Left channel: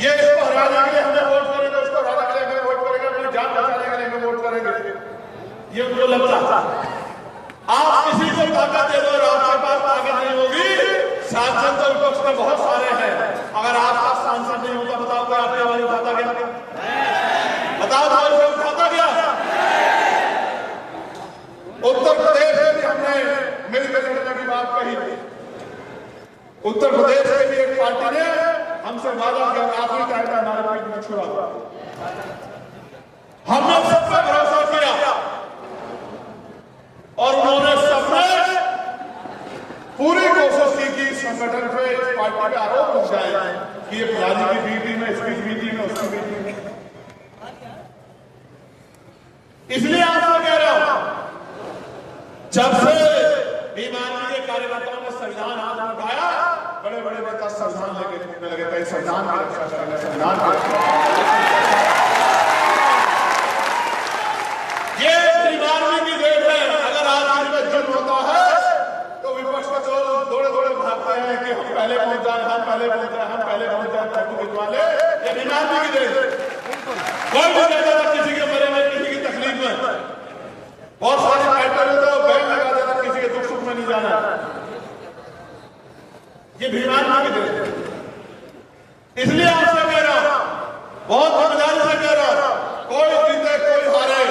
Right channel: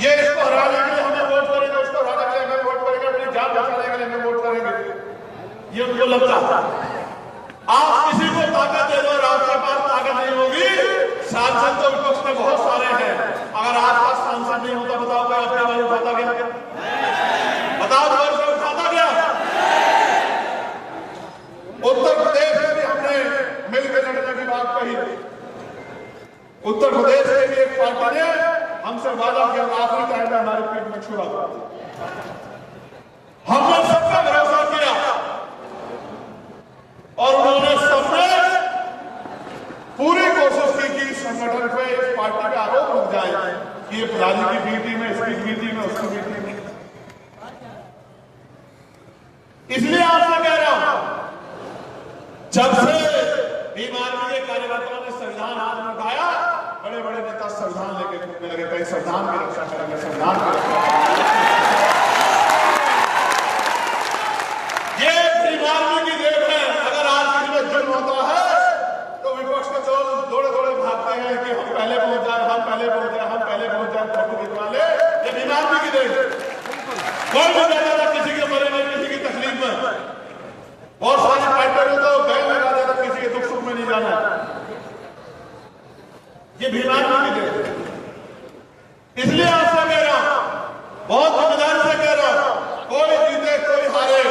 ये इसको हराने के लिए हमें वोट करेंगे, उसको हराने के लिए हमें वोट करेंगे, अपनी जान बचाने के लिए हमें वोट करेंगे, ये उनको लगता है। आप किसी को ताकत दे दो और आपके पास ताकत नहीं होगी। सांसद तो विपक्ष में बहुत सारे हैं, अगर आपका सांसद नहीं होता बताओ कोई आपकी आवाज उठाता क्या? बताओ कोई उठाता क्या? उत्तर प्रदेश में भी हमने मिलकर लड़ने की बात कही। उत्तर प्रदेश में भी एक पार्टी ने हमसे वादा किया, आखिरी टाइम में हमारे पीठ में छुरा हुआ। हमने सब पर भरोसा किया और उन्होंने सबने पूरी कोशिश की कि संगठन पे इस पार्टी पे आरोप लग जाए कि ये फलानी की बी टीम है, इसकी बी टीम है, उसकी बी टीम है। इसलिए आपसे कह रहा हूं, जब से भीम आर्मी के कार्यकर्ताओं ने संविधान हाथ में उठाया, बड़े बड़े नेता संविधान लेके घूमने लगे, कहीं संविधान की रक्षा करेंगे, संविधान की रक्षा करेंगे। ये भीम आर्मी की देख है। अगर आज किसी में जुर्म होता है तो विपक्ष के दौड़े दौड़े भागते हैं कि हम पहले पहुंच जाए, हम पहले पहुंच जाए, हम पहले पहुंच जाए, फोटो खिंचवा ले। ये भीम आर्मी की देख। कोई भी रहता था किसी के मरे में, किसी की तकलीफ में। बहुत सारे फाइटर तो बैन लगा देता, किसी के दुख सुख में नहीं जाना। ये भीम आर्मी की देख। इसलिए आपसे कह रहा हूं, बहुत जिम्मेदारी से कह रहा हूं, कोई जीते कोई हारे,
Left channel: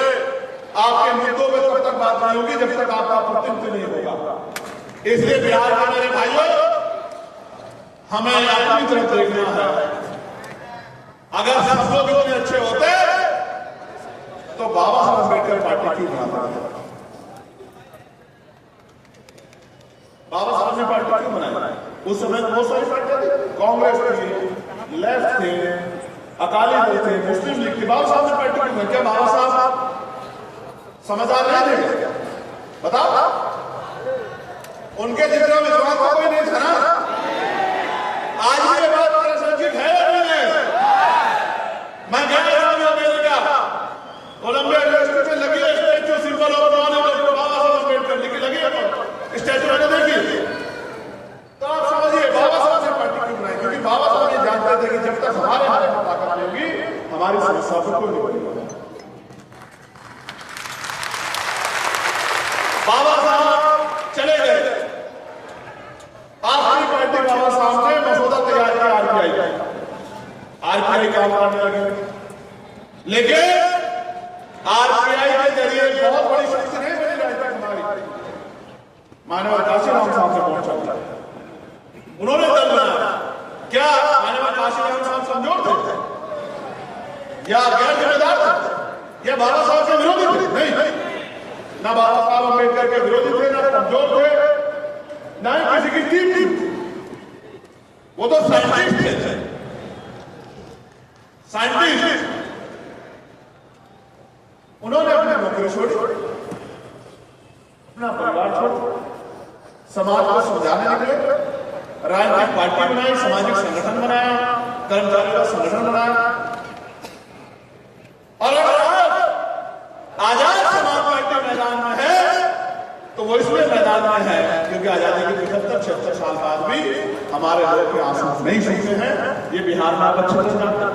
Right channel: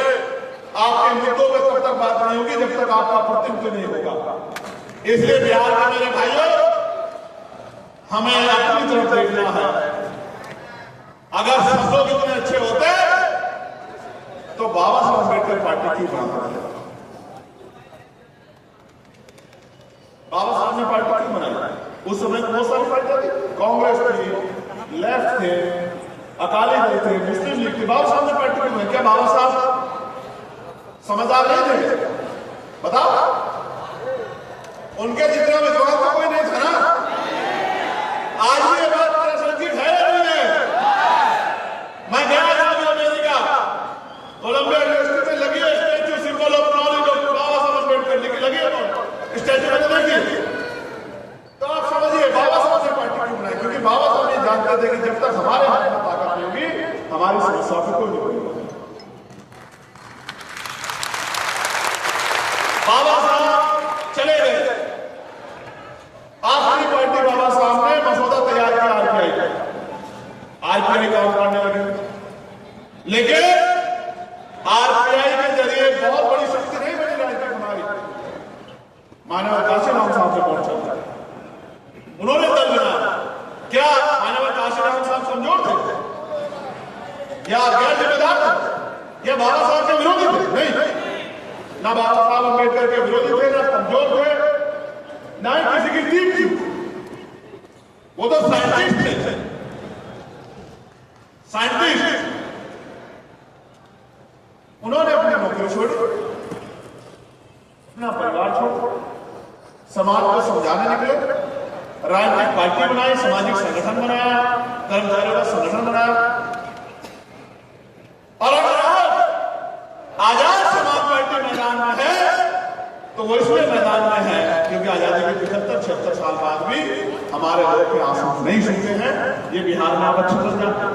आपके मुद्दों में तब तक बात नहीं होगी जब तक आपका प्रतिनिधित्व नहीं होगा। इसलिए बिहार में मेरे भाइयों, हमें अपनी तरफ देखना है। अगर सब लोग इतने अच्छे होते तो बाबा साहब अम्बेडकर पार्टी क्यों बनाते? बाबा साहब ने पार्टी क्यों बनाई? उस समय बहुत सारी पार्टियां थी, कांग्रेस थी, लेफ्ट थे, अकाली दल थे, मुस्लिम लीग थी। बाबा साहब ने पार्टी क्यों बनाई? क्या बाबा साहब समझदार नहीं थे? बताओ, उनके जितना विद्वान तो कोई नहीं था ना। आज भी ये बात मेरे संगीत है नहीं है। मैं गया था अमेरिका, कोलंबिया यूनिवर्सिटी में लगी है statue, symbol of knowledge doctor Baba Saheb Ambedkar लिखी लगी है स्टैच्यू में, देखिए। तो आप समझिए बाबा साहब ने पार्टी क्यों बनाई? क्योंकि बाबा साहब ये जानते थे कि जब तक हमारे हाथ में ताकत नहीं होगी, हमारी समस्या को कोई नहीं बनेगा। बाबा साहब चले गए, आखिरी पार्टी बाबा साहब ने मसौदा तैयार किया आरपीआई का। आरपीआई काम करने लगे, लेकिन आरपीआई के जरिए बहुत बड़ी शक्ति नहीं बनी राजनीति हमारी। मानव काशीराम साहब से पहुंचा, उन्होंने दल बनाया। क्या मानव काशीराम साहब कमजोर थे या गैर जिम्मेदार थे या बाबा साहब के विरोधी थे? नहीं, ना बाबा साहब अम्बेडकर के विरोधी थे, ना कमजोर थे, ना ही किसी की टीम थी। वो तो साइंटिस्ट थे, साइंटिस्ट। उन्होंने अपनी नौकरी छोड़ी, अपना परिवार छोड़ा, समाज को समझाने निकले, राजनीतिक पार्टी बनाई, सामाजिक संगठन बनाया, कर्मचारियों का संगठन बनाया। और अगर आजाद समाज पार्टी मैदान में है तो वो इसलिए मैदान में है क्योंकि आजादी के 75-76 साल बाद भी हमारे लोग के आंसू नहीं सूखे हैं। ये बिहार में आप अच्छे से जानते हैं।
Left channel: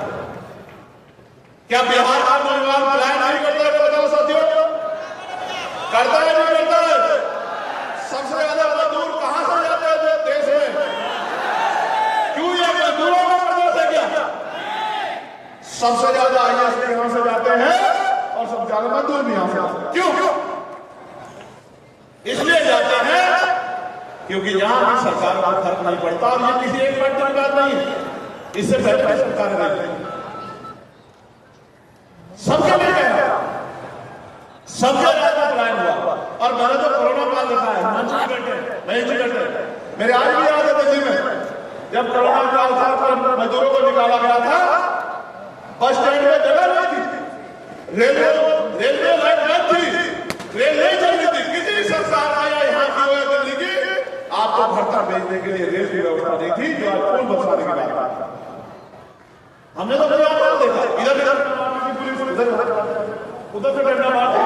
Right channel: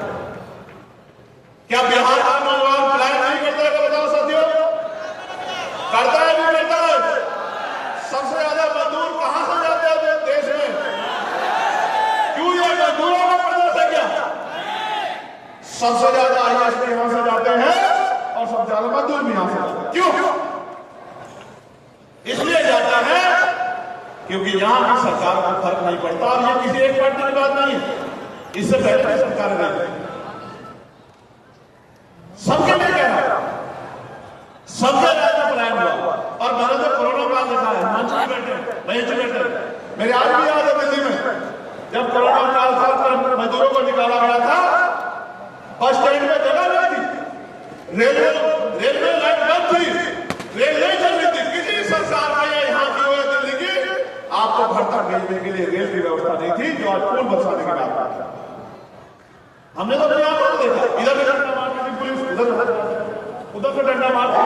क्या बिहार का नौजवान प्लान नहीं करता है? बताओ साथियों, करता है नहीं करता है? सबसे ज्यादा मजदूर कहां से जाते हैं देश में? क्यों ये मजदूरों का प्रदेश है क्या? सबसे ज्यादा आईएएस यहां से जाते हैं और सबसे ज्यादा मजदूर भी यहां से जाते हैं। क्यों? इसलिए जाते हैं क्योंकि यहां की सरकार को फर्क नहीं पड़ता। और ये किसी एक पार्टी की बात नहीं है, इससे पहले भी सरकार रही, सबके लिए कह रहा है, सबके राज्य में पलायन हुआ। और मैंने तो कोरोना काल लिखा है, हिमांशु जी बैठे, महेश जी बैठे, मेरे आज भी याद है दिल्ली में जब कोरोना काल था, मजदूरों को निकाला गया था, बस स्टैंड में जगह नहीं थी, रेलवे लाइन बंद थी, रेल नहीं चल रही थी। किसी सरकार में या यहाँ की हो दिल्ली की, आपको घर तक भेजने के लिए रेल की व्यवस्था नहीं थी, जो आज पुल बसाने की बात है। हमने तो अपने आप को देखा, इधर डंडा मारने की पुलिस, उधर से डंडा मारते,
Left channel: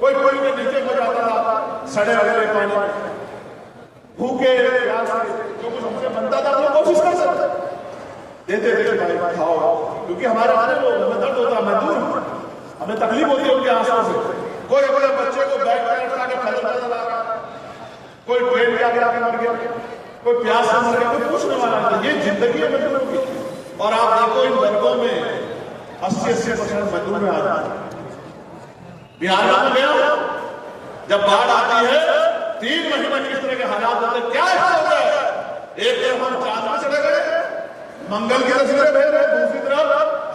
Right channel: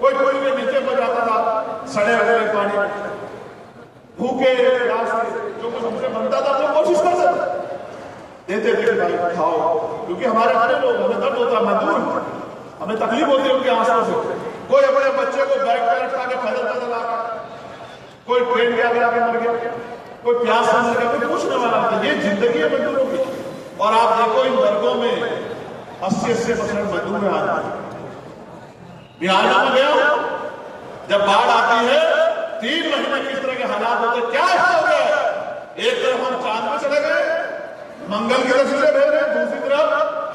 कोई पुल में नीचे को जाता था, सड़े वगैरह पानी में, भूखे प्यास से जो कुछ हमसे बनता था वो कोशिश कर सकते। देते थे कि भाई खाओ, क्योंकि हमारे अपने लोग, हमें दर्द होता है, मजदूर हैं, हमें तकलीफ होती है उनके आंसुओं से। कोई अपने बच्चे को बैग पर लटका के पैदल पैदल आ गया, कोई ट्रेन के आगे आके मर गया, कोई प्यास से मर गया, कोई पूछने वाला नहीं। ये जिंदगी है मजदूरों की। और आप देखो इन वर्गों में 80-80% मजदूर आ जाते हैं। बिहार में गया जब बाढ़ आती है 3 महीने किस तरह के हालात होते हैं, क्या हो गया। एक तरफ हम चांद में चले गए, मंगल की तस्वीरें भेज रहे हैं, दूसरी तरफ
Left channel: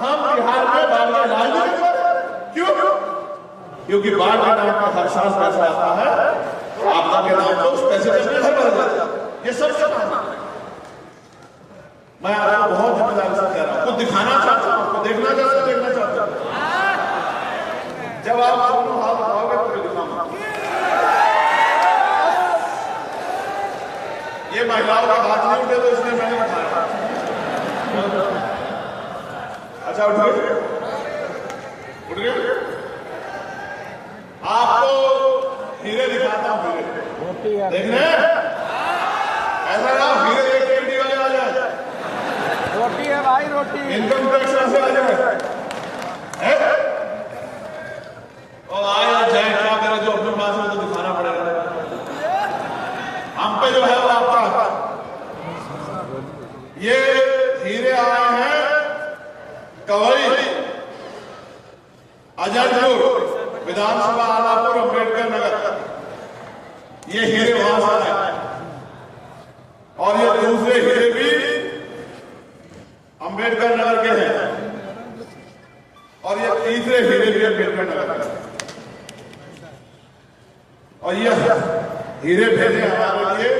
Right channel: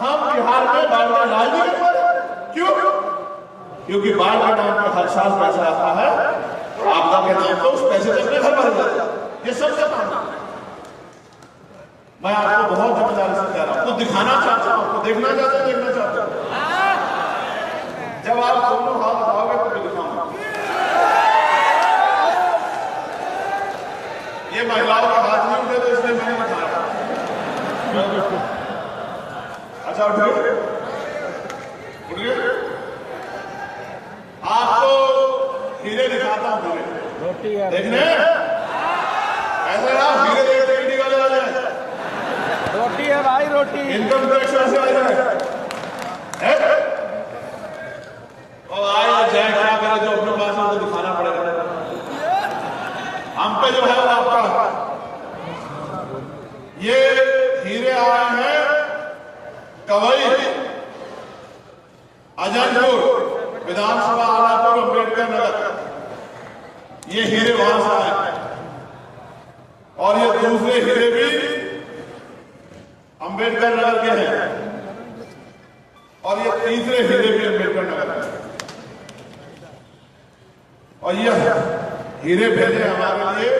हम बिहार में बाढ़ का इलाज भी नहीं कर रहे। क्यों? क्योंकि बाढ़ के नाम पर हर साल पैसा आता है, आपदा के नाम पर उस पैसे से अपने घर भर जाता है। ये सबसे मानना। मैं आपको बहुत जिम्मेदारी से कह रहा हूं, कुछ दिखाना चाहता हूं, आपको देखना चाहते हो, देखना चाहते हो। जब आप दोनों हाथ उठाओगे तो दिखाऊंगा। ये महिलाओं का हाथ नहीं उठे तो इसलिए मैंने बताया। अच्छा उठ गए, उठ गए। आपको हीरे दिखाता हूं, हीरे देखने ऐसा ना, हीरे देख के ईडी वाले आ जाए। रोटी है भाई, रोटी। इनकम टैक्स वाले आ जाए और आए जाए, क्या करें, जो अपने पास है तो दिखाना पड़ेगा। हम पे जो है वो आपका, ये हीरे आए हैं कवई, अजयपुर विधानसभा, आलापुर, अम्बेडकर नगर, ये हीरे वहां से आए। और ये दूसरे हीरे भी अम्बेडकर नगर के हैं, और ये तीसरे हीरे भी अम्बेडकर नगर के। और ये हीरे भेजे हमारे लिए,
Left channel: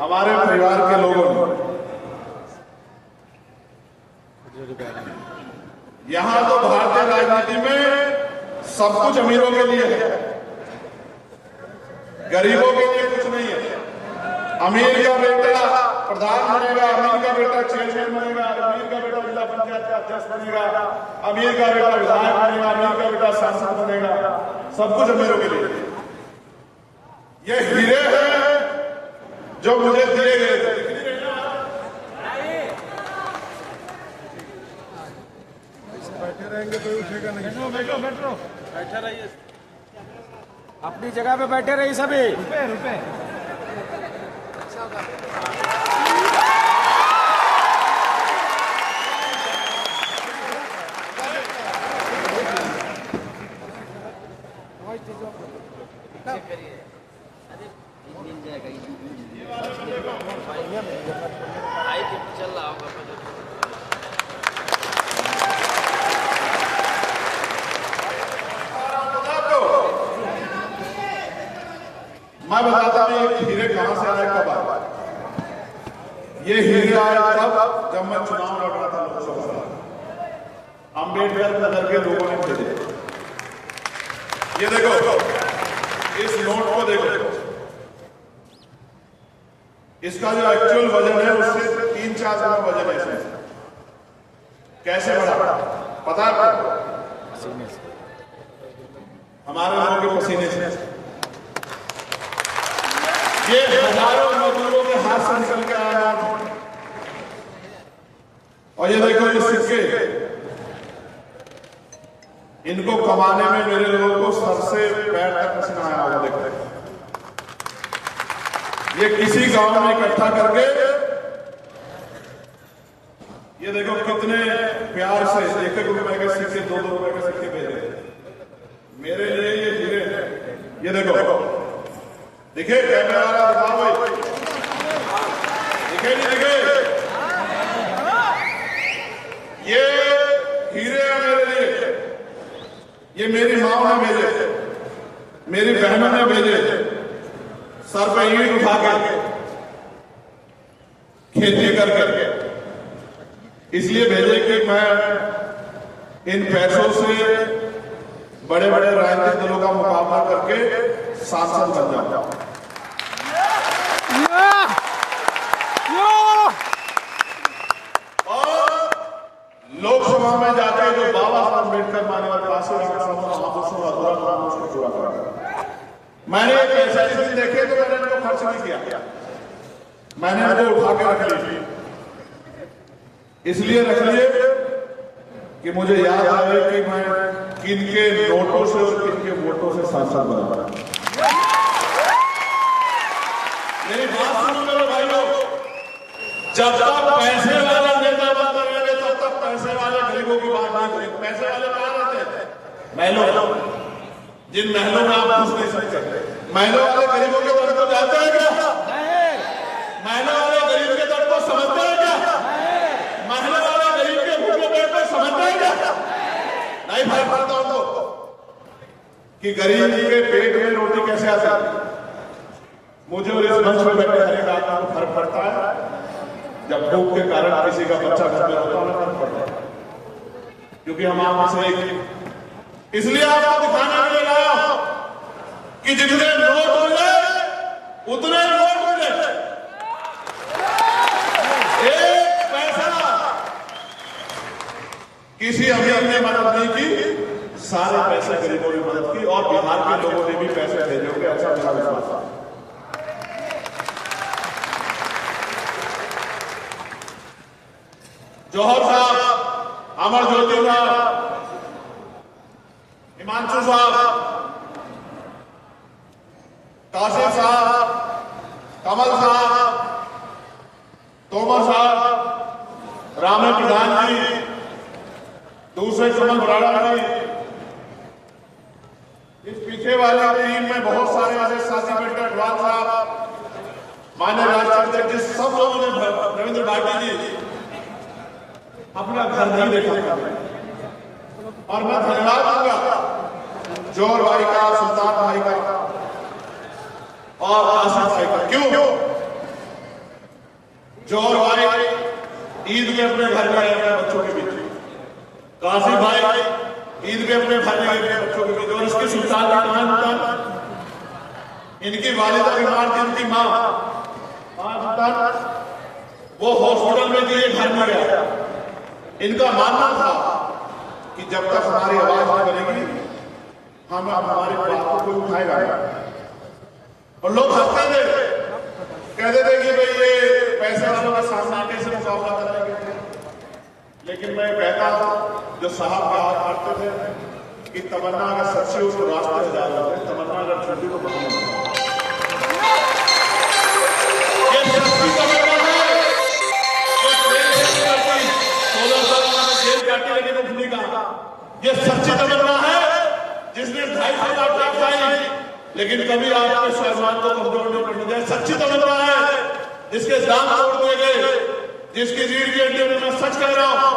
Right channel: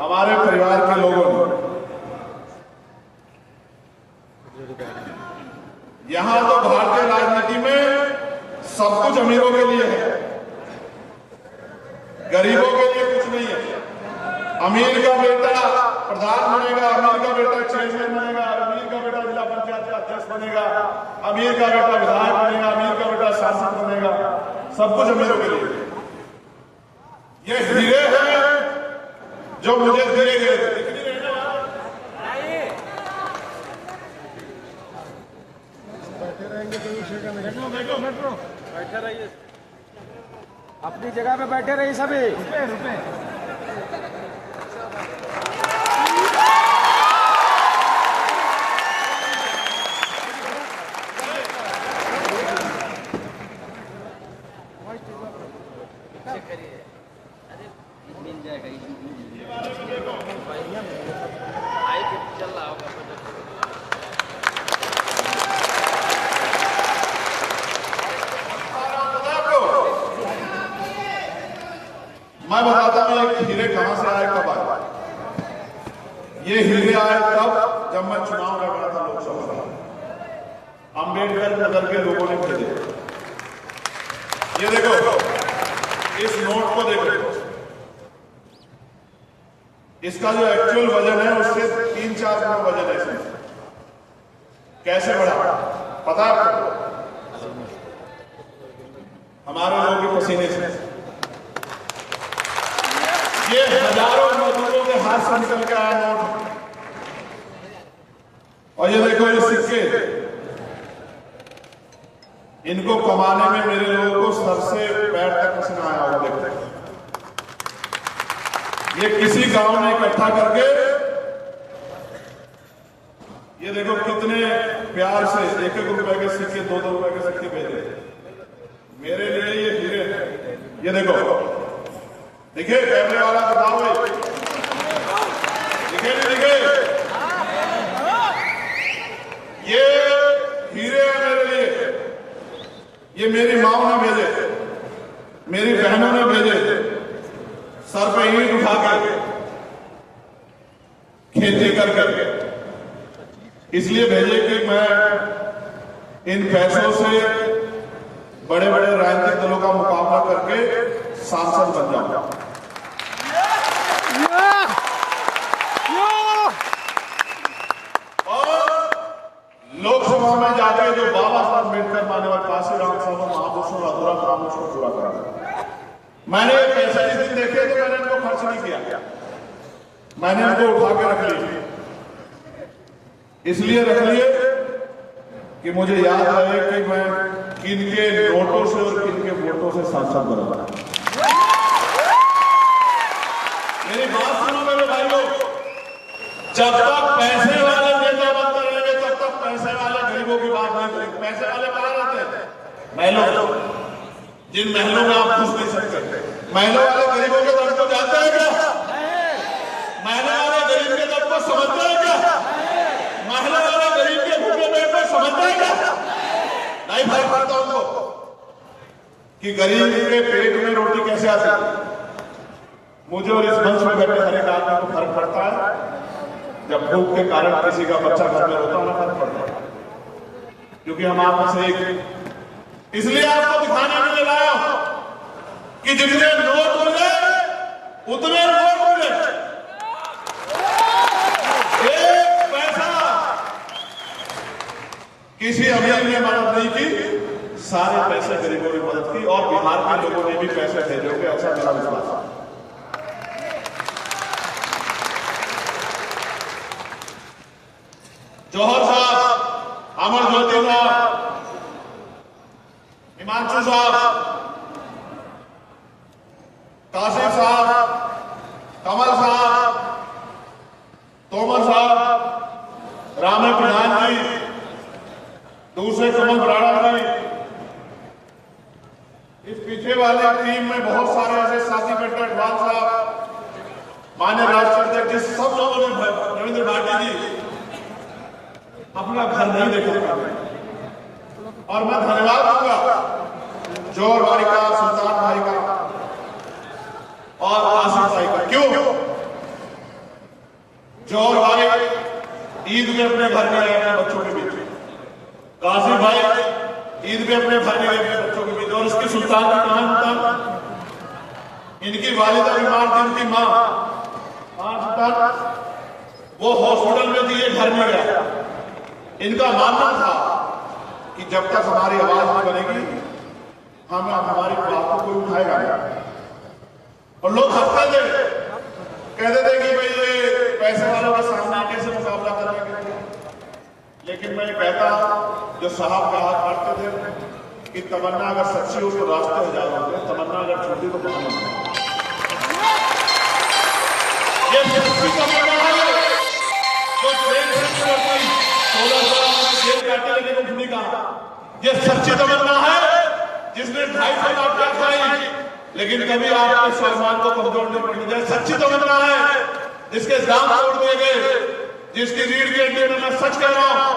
हमारे परिवार के लोगों ने। यहां तो भारतीय राजनीति में सब कुछ अमीरों के लिए है, गरीबों के लिए कुछ नहीं है। अमीर का बेटा प्रधान बनेगा, अमीर का बेटा चेयरमैन बनेगा, अमीर का बेटा जिला पंचायत का अध्यक्ष बनेगा, अमीर का बेटा विधायक बनेगा, अमीर का बेटा सांसद बनेगा, सब कुछ अमीरों के लिए। ये हीरे हैं जो मुझे दिए गए थे। दिख नहीं रहे ना? अपनी जगह पे बैठे रहिए सभी। मैं बताता हूं ये हीरे कहां से आए, कब आए। ये हीरे आए तब जब मैं चुनाव लड़ रहा था लोकसभा का। अम्बेडकर नगर के लोगों ने भेजे। ये देखो, इस नोट को देखो, इसका जो एक्चुअल वजन है उससे 3-4 गुना वजन है इसमें। कैसे बढ़ा पता है आपको? हमारे लोगों के पसीने से। ये हजारों मजदूरों के हाथ से निकल के आया नोट। और ये देखो ये सिक्के, इनको कमाने में मेरे लोगों को सर से पैर तक पसीना आया होगा। देखो ये किसी गांव में इकट्ठा करके, ये देखो कितने प्यार से 1-1 रुपए के सिक्के, 2-2 रुपए के सिक्के भेजे मेरे लिए। ये हीरे हैं। ये देखो, दिखे कैमरे वाला, दिखाओ भाई, दिखे नहीं दिखे? ये हीरे हैं मेरे लिए। ये मेरी माओ ने भेजे, मेरी बहनों ने भेजे, सर पे ईंट उठा के, खेती करके इसलिए भेजे कि मैं इन पैसों से बड़े बड़े राजनीतिक दलों का मुकाबला करके सांसद बन जाऊंगा। और लोकसभा में जाके जो बाबा साहब अम्बेडकर मान्यवर काशीराम साहब महाभूषण अधूरा नाम उसको पूरा करा। मैंने ये पैसे जिस दिन देखे तो मैंने इनको खर्च नहीं किया, मैंने इनको उठा के रख ली। इसलिए रख लिए कि मुझे याद रहे कि मैं किनके नोटों से और किनके वोटों से सांसद बना। मेरी बात सुनो मेरे भाइयों, जब तक पैसे वाले नेता बनते रहेंगे तब तक पैसे वाले गरीबों की बात नहीं करेंगे। पैसे वाले कहां रहते हैं? महलों, जिन महलों में आप घुस नहीं सकते। महलों वाले गरीबों के दर्द को जानते हैं क्या? महलों वाले गरीब के दर्द को समझते हैं क्या? महलों वाले गरीब के भूखे पेट को समझते हैं क्या? नहीं फर्क पड़ता उनको कि गरीब के पेट में रोटी कैसे आती है। मुझे और इस मंच में बैठे हर एक आदमी को फर्क पड़ता है जब भूख के कारण किसी का बच्चा घर में होता है, फर्क पड़ता है, क्योंकि हम आप में से एक। इसलिए आपको दिखाने के लिए लाया हूं कि जितने नोट मिले उतने वोट मिले। एक पैसा किसी अमीर ने मदद नहीं की, सारे पैसे गरीबों ने मदद की और बिहार के लोगों ने भी पैसे भेजे होंगे, ऐसा मेरा विश्वास है। जौहर साहब, अमर ज्योति साहब, हिमांशु साहब, कासिम साहब, कमल साहब, तोमर साहब, रामे प्रधान जी, दूसरे कमल बराड़ा जी, इस पीछे वाली टीम में बहुत सारे ऐसे साथी बैठे, अडवाल साहब, मान्य राष्ट्रीय अध्यक्ष, सब लोगों ने, रविंद्र भाटी जी, अपना घर नहीं देखा। और मैं धन्यवाद दूंगा जौहर भाई का, सुल्तान भाई का और आसिफ भाई का। क्यों? जौहर भाई ईद में अपने घर में आए अपने बच्चों के बीच, कासिफ भाई ईद में अपने घर में गए अपने बच्चों के बीच। और इसकी सुल्तान की कहानी बता, इनकी वालिदा बीमार थी, इनकी मां सुल्तान, वो हॉस्पिटल में थी, ये घर में गया। इनका मानना था कि जब तक हमारी आवाज नहीं बनेगी हम हमारी बात को कोई उठाएगा नहीं। और लोग हंसते थे, कहते थे कि भाई ये पैसे वालों का सामना कैसे मुकाबला करेंगे। लेकिन मैं कहता जो साहब का हाथ काटते थे कि तमन्ना अगर सच्ची हो तो रास्ते हजार होते, तमन्ना अगर झूठी तो बहाने। ये सच्ची तमन्ना है जो 16 साल में जेल काटी लेकिन उठने का। ये सच्ची तमन्ना है जिसने 250 लाख खाई लेकिन कभी आपके स्वाभिमान को कमजोर नहीं पड़ने दिया। सच्ची तमन्ना है जिसके दाम तोड़ दिए गए, जिसकी रीढ़ की हड्डी में मैं सच कह रहा हूं,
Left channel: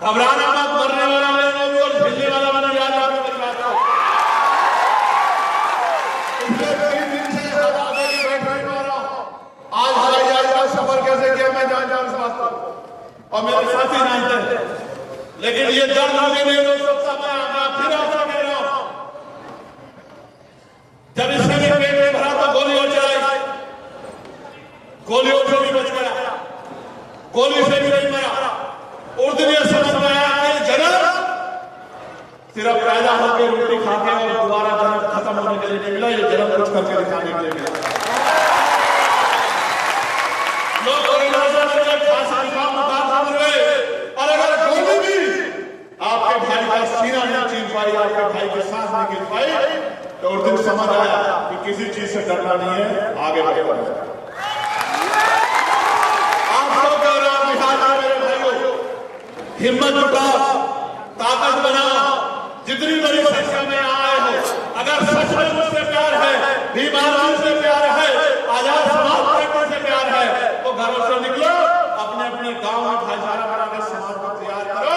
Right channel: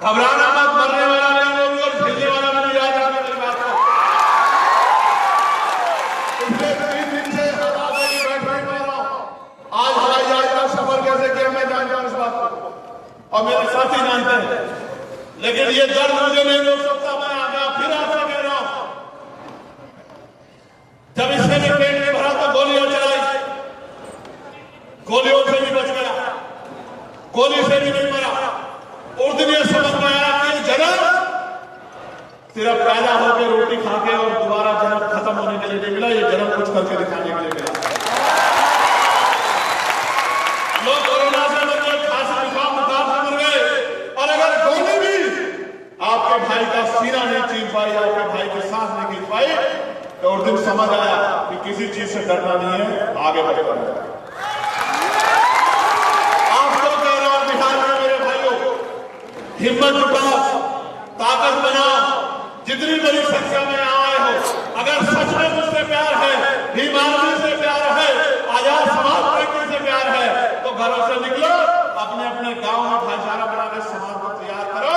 घबराना मत, मरने वाला नहीं बोलूं और झेलने वाला भी नहीं। याद रखना मेरी बात को। पिछले 3 दिन से आज हवाई जहाज का सफर कैसे किया मैं जानता हूं इस बात को, और मेरे साथी जानते हैं। लेकिन ये दर्द मुझे नहीं रोक सकता। मैं फिर आपसे कह रहा हूं, जब इससे ने पेट में भरा तो गोलियां चलाई, गोलियों से भी बच गया, गोली से भी नहीं मरा। उस दिन ये समझ में आया कि जन्म सिर्फ पैदा होकर रोटी खा के और दोबारा जन्म खत्म होने के लिए नहीं मिला, ये जन्म कुछ करके दिखाने के लिए मिला। लोग कोरोना से मर गए, खांसी जुकाम बुखार से मर गए, और अगर गोली भी आपके भाई का सीना नहीं चीर पाई, आपके भाई की सांस नहीं खींच पाई, तो उस दिन समझ आया कि किसी चीज से डरना नहीं है, आगे बढ़कर है। आपको कह रहा हूं बिहार के मेरे भाइयों, हिम्मत जुटाओ, ताकत बनाओ, जितनी बड़ी संख्या में आए हो। अगर सच में मुझसे प्यार है, भीम आर्मी से प्यार है, आजाद समाज पार्टी से प्यार है, तो घरों से निकलो, अपने अपने गांव में भाईचारा बनाने समाज को तैयार करो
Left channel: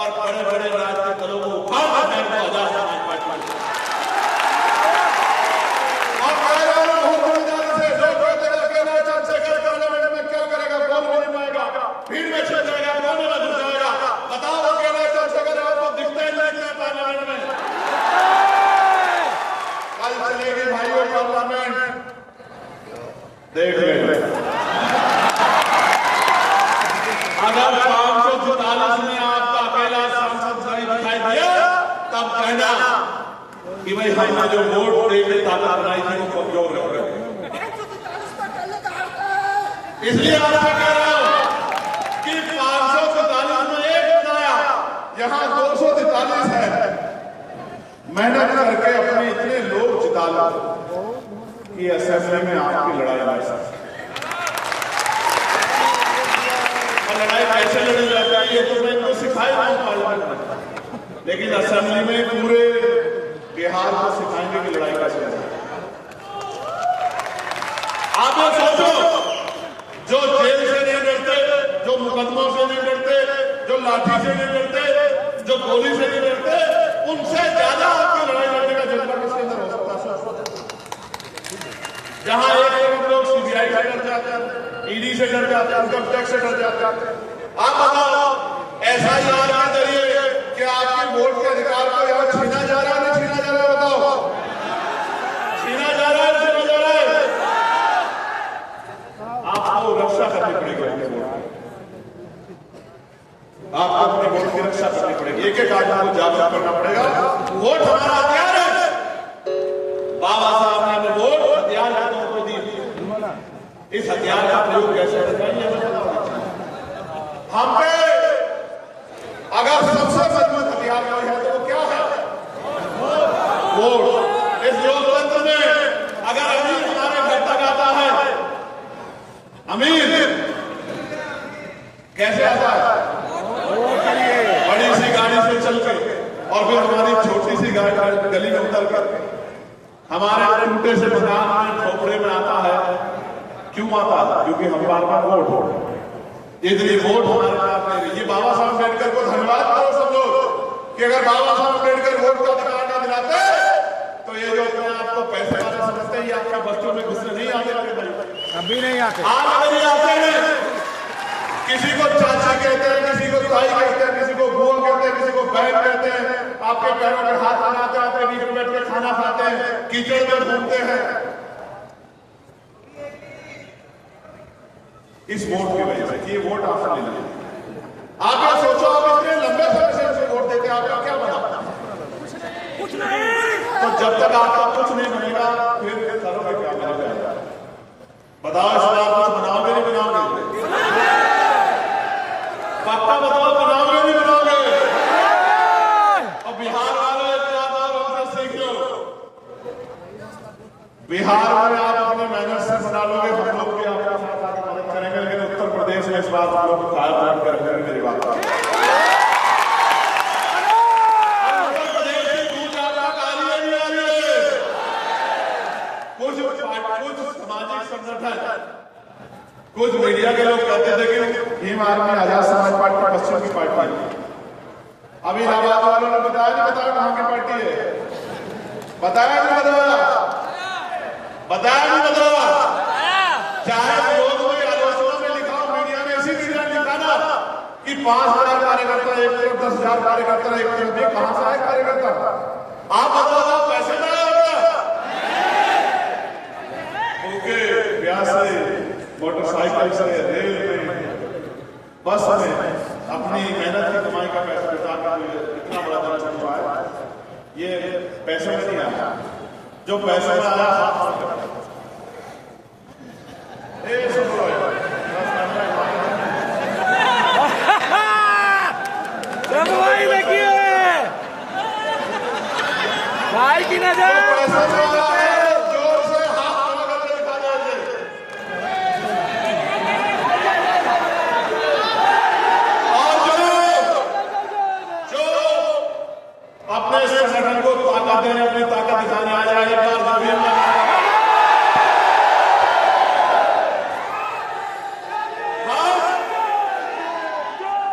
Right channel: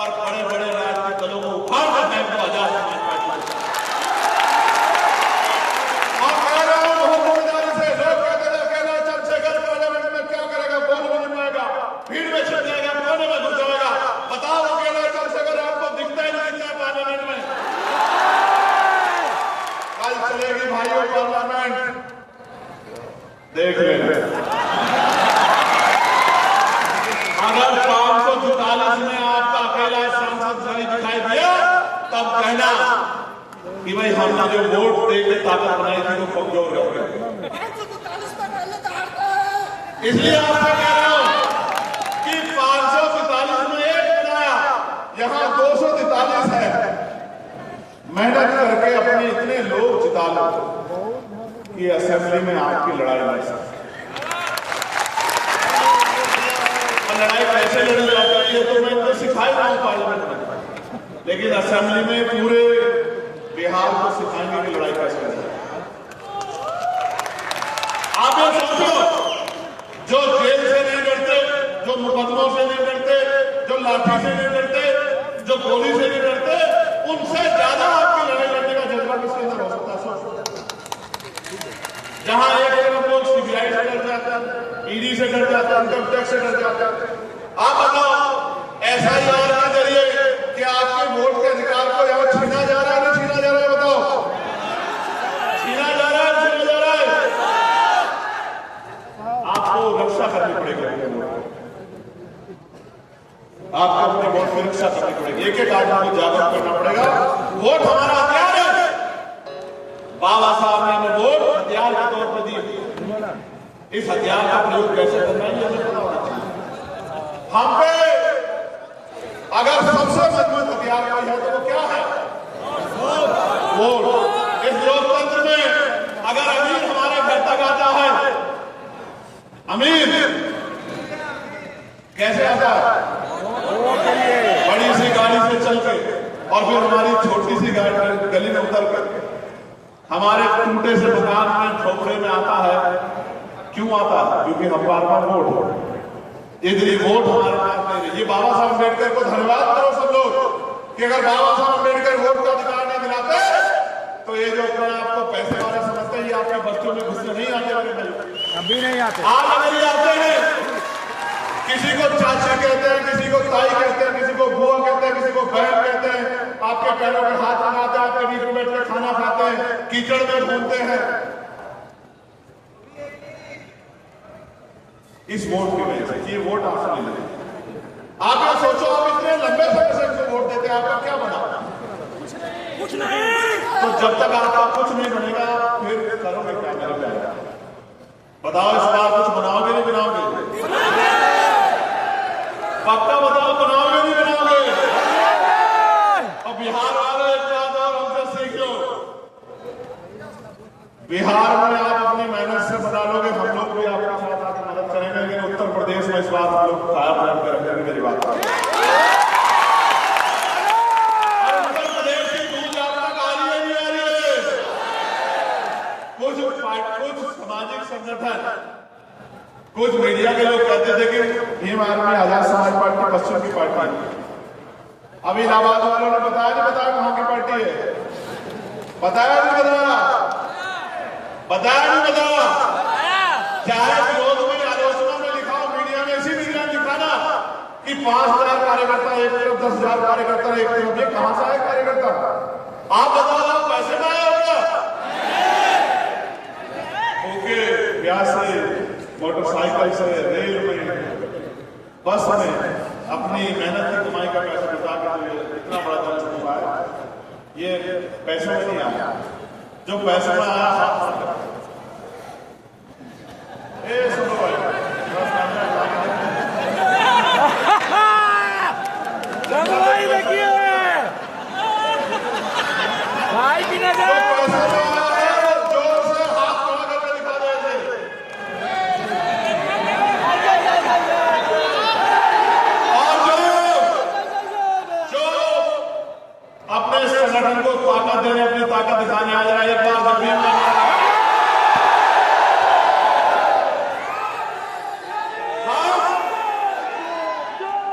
और बड़े बड़े राजनीतिक दलों को उखाड़ कर फेंक दो आजाद समाज पार्टी को। और कह रहा हूं बहुत ईमानदारी से, लोग कहते हैं अकेला चंद्रशेखर पार्लियामेंट में क्या करेगा, बोल भी नहीं पाएगा, भीड़ में छिप जाएगा, कोने में घुस जाएगा। बताओ अकेला चंद्रशेखर आपको दिखता ही नहीं दिखता पार्लियामेंट में। कल चलेगी भाइयों पार्लियामेंट, देख लेंगे। अगर 544 में आपका अकेला सांसद दिखाई दिया तब कहना कि भाई हमने जो वोट दे के ताकत बनाई थी वो कमजोर रह गई। इसलिए आपसे कह रहा हूं कि 500 यहाँ 243 है, मेहनत करके अपने इतने लोग जिता लो कि असेंबली में आपकी लड़ाई लड़ सकते। और लड़ाई कैसे लड़ी जाती है ये तो मैं इनको सिखाई रहा हूं पार्लियामेंट में, लेकिन असेंबली में पूरे बिहार को सिखाएंगे कि लड़ाई कैसे लड़े। आप लोग सोचो, जो जेल से नहीं डरते, जो मुकदमों से नहीं डरते, जो लाठी से नहीं डरते, जो गोली से नहीं डरते, उनसे ज्यादा आपकी लड़ाई लड़ने का जज्बा किसके अंदर हो सकता है? जहां एक तरफ लोग सीबीआई से डर जाते हैं, ईडी से डर जाते हैं, इनकम टैक्स से डर जाते हैं, आप बताओ एसआईआर के जरिए क्या आपके वोट के अधिकार को यहां छीना जा रहा है नहीं छीना जा रहा है? बताओ, छीना जा रहा है, छीना जा रहा है। आपको रक्षा करनी पड़ेगी अपने वोट की, आपको अपने वोट की रक्षा करनी पड़ेगी, एक एक आदमी को जागरूक करना पड़ेगा। वोट हमारा हथियार है, बाबा साहब ने हमें वोट हथियार के तौर पर दिए, इस हथियार का प्रयोग कैसे करना है हमें पता होना चाहिए। हम पे अगर सबसे मजबूत हथियार कोई है तो वो क्या है? वोट। इस लोकतंत्र में अगर अमीर हमारे घर तक आता है, अमीर कैसे आता है? बड़ी सी गाड़ी से चल के, और फिर हमारी छोटी सी गली में उतर कर हमारे टूटे से मकान में झोपड़े में आता है। क्यों आता है? क्योंकि हमारे पास वोट हो, इतनी वोट हमारे पास नहीं रही। ये बाबा साहब अम्बेडकर को धन्यवाद करो सब लोग कि अगर बाबा साहब अम्बेडकर वोट का अधिकार नहीं दिलाते तो ये जो अपने आप को पैसे वाले समझते हैं ये आपके बस्तियों में घुसने नहीं आते। कभी नहीं आते। आज अगर ये आते हैं, किसी को चाची कहते हैं, किसी को ताई कहते हैं, किसी को बुआ कहते हैं, किसी को बहन कहते हैं, आपके पैरों में हाथ लगाते हैं, आपके बीच में बैठ के खाना खाते हैं, कीचड़ में घूमते हैं, इस वोट की वजह से। ये वोट आपसे नहीं लगे। आप ये सोचो, आप इतने लंबे समय से उसे वोट देते हैं, आपका क्या बना? कुछ नहीं। तो जब तक आपका कुछ नहीं बनेगा फिर करोगे क्या मेरे प्यारे? बताओ, इस बार कुछ बनाओगे नहीं बनाओगे? पक्का बताओ, बनाओगे नहीं बनाओगे? और बिहार वाले एक बात और हमसे सीख लो, बिहार में आप अपनी मेहनत से बना लोगे, हम लोग भी आपके साथ आकर मदद करेंगे, लेकिन उत्तर प्रदेश में इस बात हम लोग कायम करके रखेंगे। मेरी बात और उत्तर प्रदेश की गूंज आप तक आ रही है नहीं आ रही है? कुछ सामाजिक संगठन, कुछ मीडिया के लोग कहते थे कि भीम आर्मी आजाद समाज पार्टी पश्चिम की पार्टी है। अभी इलाहाबाद वालों ने बताया नहीं बताया कहां की पार्टी है? बताया नहीं बताया? बताया नहीं बताया? चाहे विरोध में आलोचना में लिखा हो, मीडिया में इसी मीडिया ने लिखा ना कि 5,000 कार्यकर्ता एक तरफ, 10,000 कार्यकर्ता एक तरफ। ये कहां से आए कार्यकर्ता? आप बताओ, पैसे में आया होगा? ओके, ब्याज से, मोटरसाइकिल से, रेल में, बस में अपनी मेहनत की कमाई का पैसा जुटा के इतना बड़ा दल छुपा है। ये पैसे में नहीं आया, जो पैसे में आया हाथ सुनो भाई, देखिए भाई की नजर। पैसा में आया है, जोर से हाथ खड़ा करके दिखा देंगे। और जो अपने संगठन को ताकत देने, अपनी ताकत दिखाने आ जाए, एक बार जब भी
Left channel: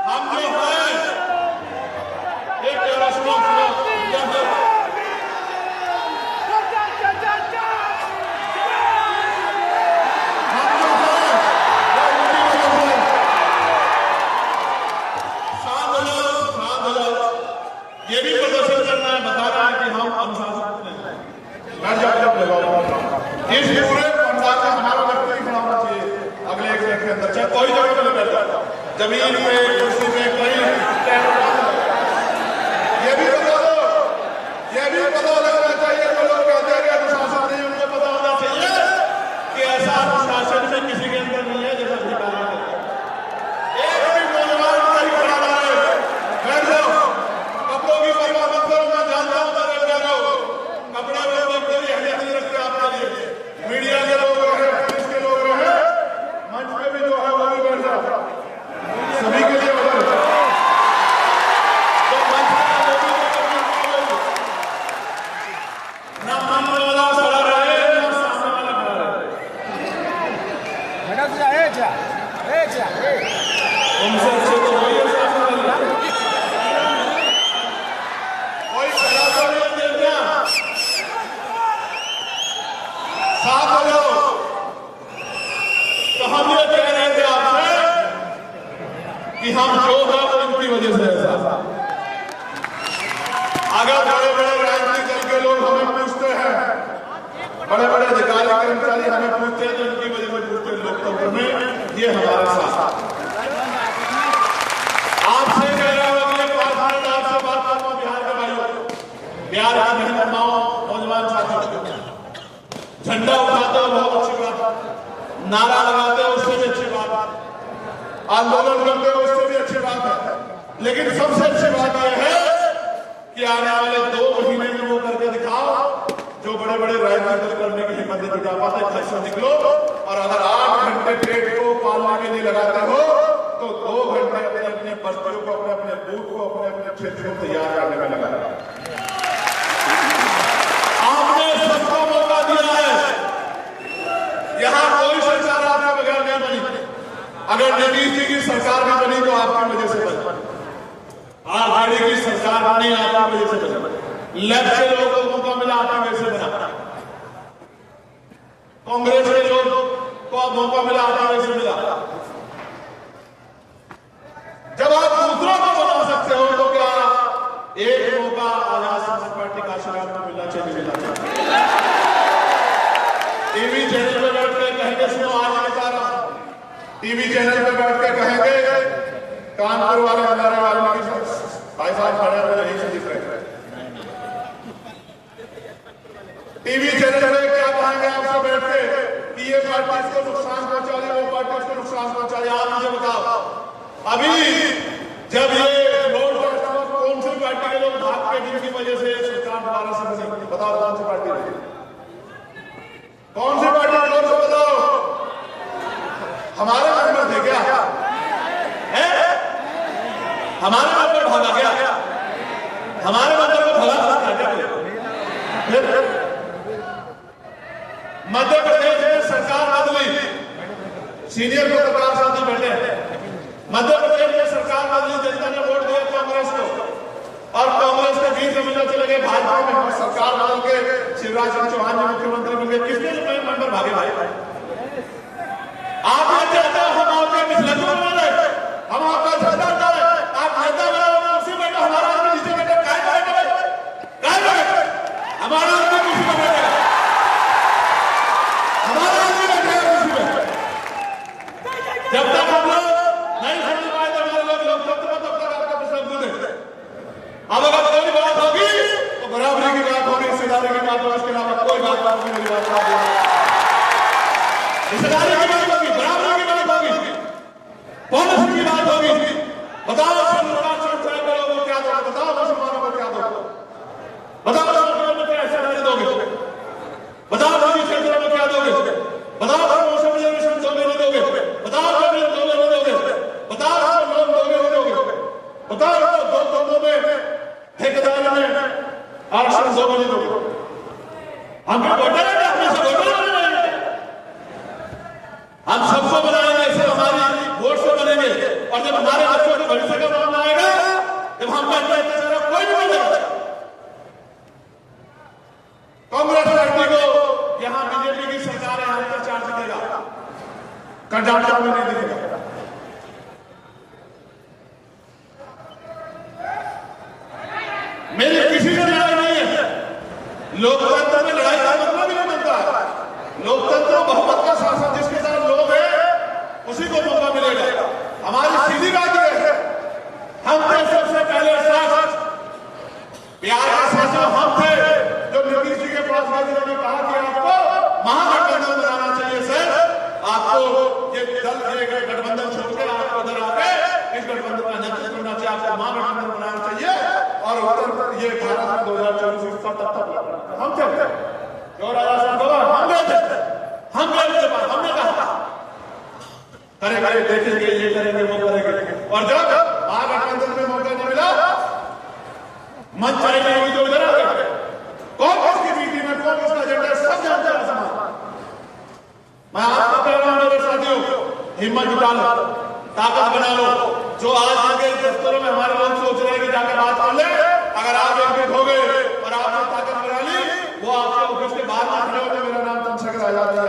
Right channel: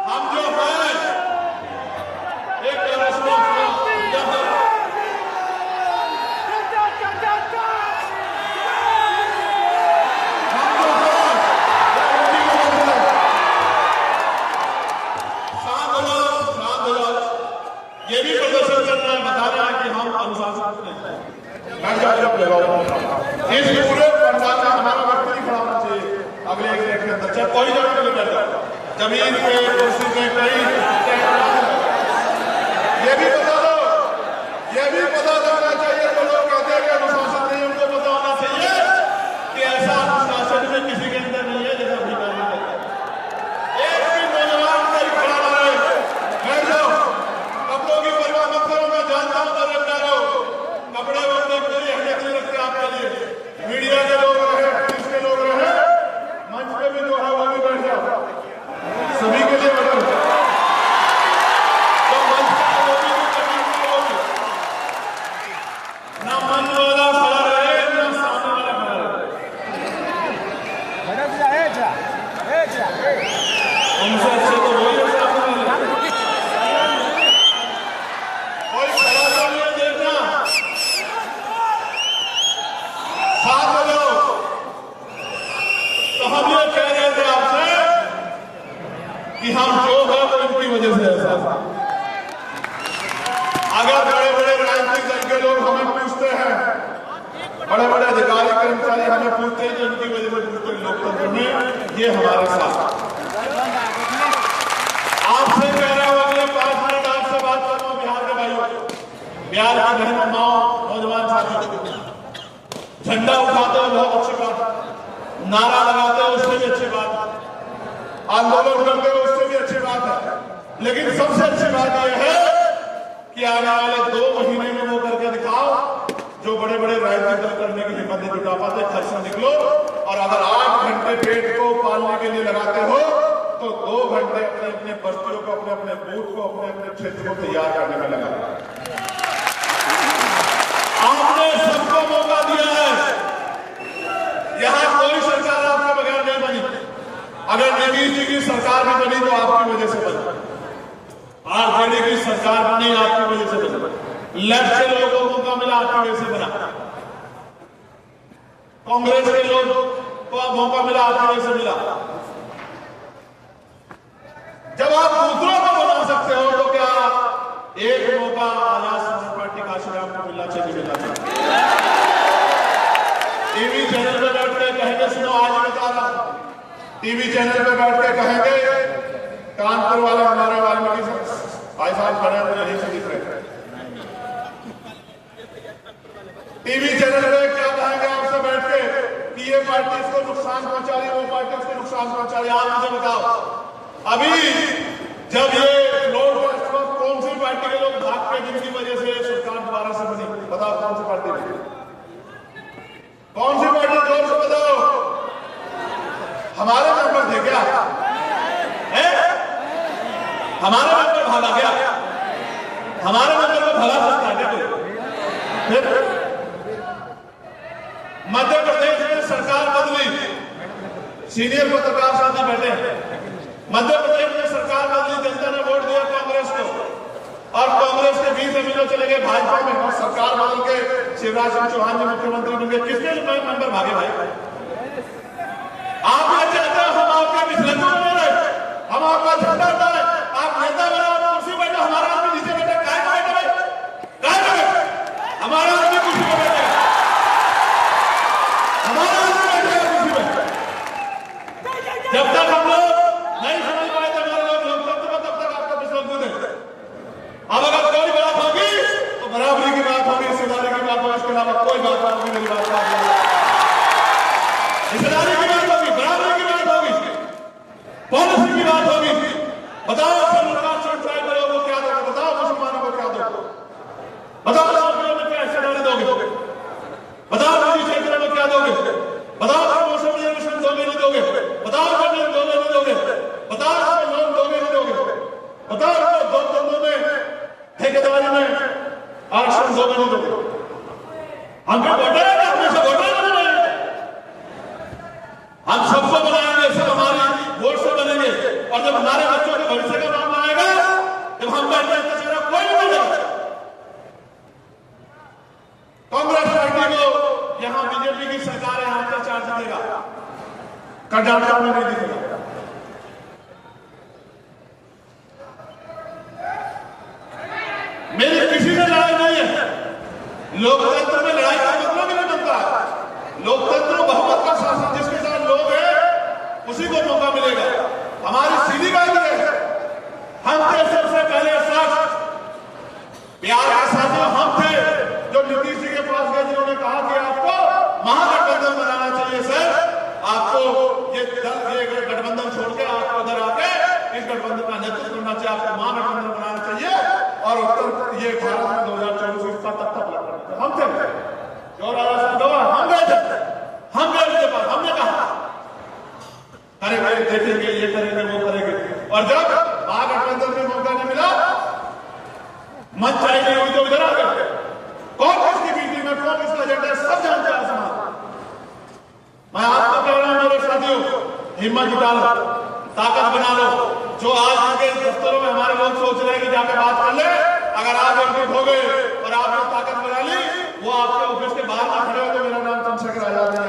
हम जो हैं एक ये भी प्रदर्शन करना है, बता रहा है कि हम अनुशासित हैं। इस पूरे पंडाल में हमारा व्यक्ति खड़ा होना चाहिए अगले 1 मिनट के अंदर, चाहे कोई जगह पे बैठ जाओ, जमीन पे, कुर्सी पे, कहीं ये भी बता दो, ये भी पता लगना चाहिए। जो लोग कहते हैं कि अनुशासन नहीं, उनको पता होना चाहिए कि ऐसा अनुशासन में किसी के अंदर नहीं है जैसा भी एक भी नौजवान कहीं खड़ा ना रहे, बैठ जाओ। होगा तो इनकी वजह से ऐसा। अगर बड़े बड़े राजनीतिक दल के लोग हमें पूछते हैं, बड़े बड़े अधिकारी कर्मचारी हमें पूछते हैं, तो इनकी वजह से पूछते हैं लोकतंत्र में, ये हमारे साथ। आपसे कह रहा हूं अगले 5 मिनट आपसे बात करूंगा बिहार के भाइयों, बिहार की बहनों, माओ, नौजवान साथी। झंडा उठाते हो बहुत अच्छी बात, नारा लगाते हो उससे भी अच्छी बात, आंदोलन करते हो उससे भी अच्छी बात है, लेकिन सबसे अच्छी बात यह है कि आने वाले 2 महीने में वो करके दिखाओ जो बड़े बड़े राजनीतिक दल करने की हिम्मत नहीं जुटा पाते। घर से निकलो और अगर 8 घंटे पेट को पालने के लिए लगाते हो तो 2 घंटे अपने अपने बस्तियों को, अपने अपने बूथ को, अपने अपने क्षेत्र को तैयार करने में लगा। आपने सबको मौका दिया है, यहां कोई सरकार आपके बगैर नहीं बनी। अगर नीतीश जी की सरकार भी बनी तो आपकी वजह से बनी, आरजेडी की सरकार बनी आपकी वजह से बनी, लेफ्ट के लोगों को मौका मिला आपकी वजह से बना, कांग्रेस के लोग को मौका मिला आपकी वजह से मिला। जब आप दूसरों को बना सकते हो तो क्या एक मौका आजाद समाज पार्टी काशीराम को मिलना चाहिए, मिलना चाहिए। टीवी चैनल पे बैठ के कहेंगे, सुनो आज बता रहा, टीवी चैनल पे बैठ के कहेंगे, कानपुर वाले हमारे वाल्मीकि भाई साहब खड़े हैं, यहीं से दिख रहे हैं। टीवी चैनल पे क्या कहेंगे आपसे बैठ के कि ये पार्टी इसको नुकसान पहुंचा रही है, वो पार्टी उसको नुकसान पहुंचा रही है। आप मुझे बताओ, अभी जब ये फ्लोर टेस्ट पर कौन सी पार्टी के लोग भाग के, जिनकी वजह से सरकार दोबारा से बनी, बताओ कौन सी पार्टी बनी, कौन सी पार्टी, जोर से बताओ। हमारे मेंबर थे क्या? हमारे मेंबर भागा क्या? हमारे मेंबर को भगा सकता है क्या कोई? मध्य प्रदेश में सरकार बदली, सीनियर पत्रकार साथी बैठे, मध्य प्रदेश में सरकार बदली, जनता ने वोट दिया कांग्रेस को और कांग्रेस के 20 एमएलए चले गए भाजपा में और सरकार बदल के शिवराज सिंह चौहान जी मुख्यमंत्री बन गए। किसने मेंबर भागे भाई? आप ये चाहते हो हम आपके मिसलतों में बने, हम आपका झंडा उठाए, आप नेता बनाओ, कुर्सी बैठे, हमारा आदमी नीचे बैठे, काय का बैठे भाई, काय का बैठे, हमारा आदमी कुर्सी पर बैठेगा, हमारा आदमी बैठेगा कुर्सी पर। जब तक हम लोग नहीं समझ पाए तो हमारे लोग लोकतंत्र में, तब तक आपका प्रश्न है। अब अगर कोई बात होगी तो बराबरी की बात होगी, हिस्सेदारी की बात होगी, इसके अलावा कोई बात होगी, मेरी बात का हिस्सेदारी की बात होगी, बराबरी की बात होगी, पॉलिसी की बात होगी। बताओ सरकार ट्राइबल को क्या दोगे, बताओ मुसलमानों को क्या दोगे, बताओ नौकरियों में क्या हिस्सेदारी दोगे, बताओ निजी क्षेत्रों में क्या दोगे, बताओ मौसम मिशन दोगे नहीं दोगे, बताओ जमीन दोगे नहीं दोगे, बताओ लोन दोगे नहीं दोगे, बताओ 2 तंबू में ठेकेदारी में आरक्षण दोगे नहीं दोगे। हम पे वोटर है, हमें से वोटर बनाएंगे, हम सबको बनाएंगे, सब हमारी वोट से बनेंगे। और जब हमारे बच्चों के भविष्य का मामला आएगा, जब हम बैठे चेहरा कोई नहीं बोलेगा। कांग्रेस पार्टी को यहां बीजेपी की सरकार है, हम पे चार्ज देगा, कर्नाटक में नहीं दिखेगा। मेरी किसी से लड़ाई नहीं है, लोकतंत्र में लड़ाई का मतलब ही नहीं बनता है। लोकतंत्र बहुमत का शासन, जिसके साथ लोग हैं उसी को मौका मिलेगा। हमारी सीधी बात यह है, हम थे सबसे पहले साथ, बिहार के साथियों हम थे जो नीतीश जी के पास गए, जिन्होंने कहा कि आपको महागठबंधन बनाना चाहिए सर, आपको ये दल, ये गठबंधन छोड़ के आपको उधर आके इस गठबंधन का नेतृत्व करना चाहिए, आपको महागठबंधन बनाना चाहिए और उत्तर ये भारत में 2024 इसका तब तक हम थे जो राजा साहब हम गए थे, हम गए थे, हमने कहा करेंगे, देखेंगे, ये करेंगे, वो करेंगे। और जब महागठबंधन में मौका नहीं मिला, मन चाहिए नहीं हुई तो इधर आ गए। कौन किसकी बीती में, कौन किसका एजेंडा है, सब जानता है समाज। मैं आपको कह रहा हूं मेरे साथियों, हिम्मत जुटा लो, ताकत बना लो। जो आज के दफ्तरों में हमारे लोग सोच रहे हैं कि जाके बात कर ले, अगर आप एकजुट हो गए और आपने ताकत बना ली, वो आपके ऑफिस के बाहर ना खड़े हो तो मेरा नाम चंद्रशेखर आजाद नहीं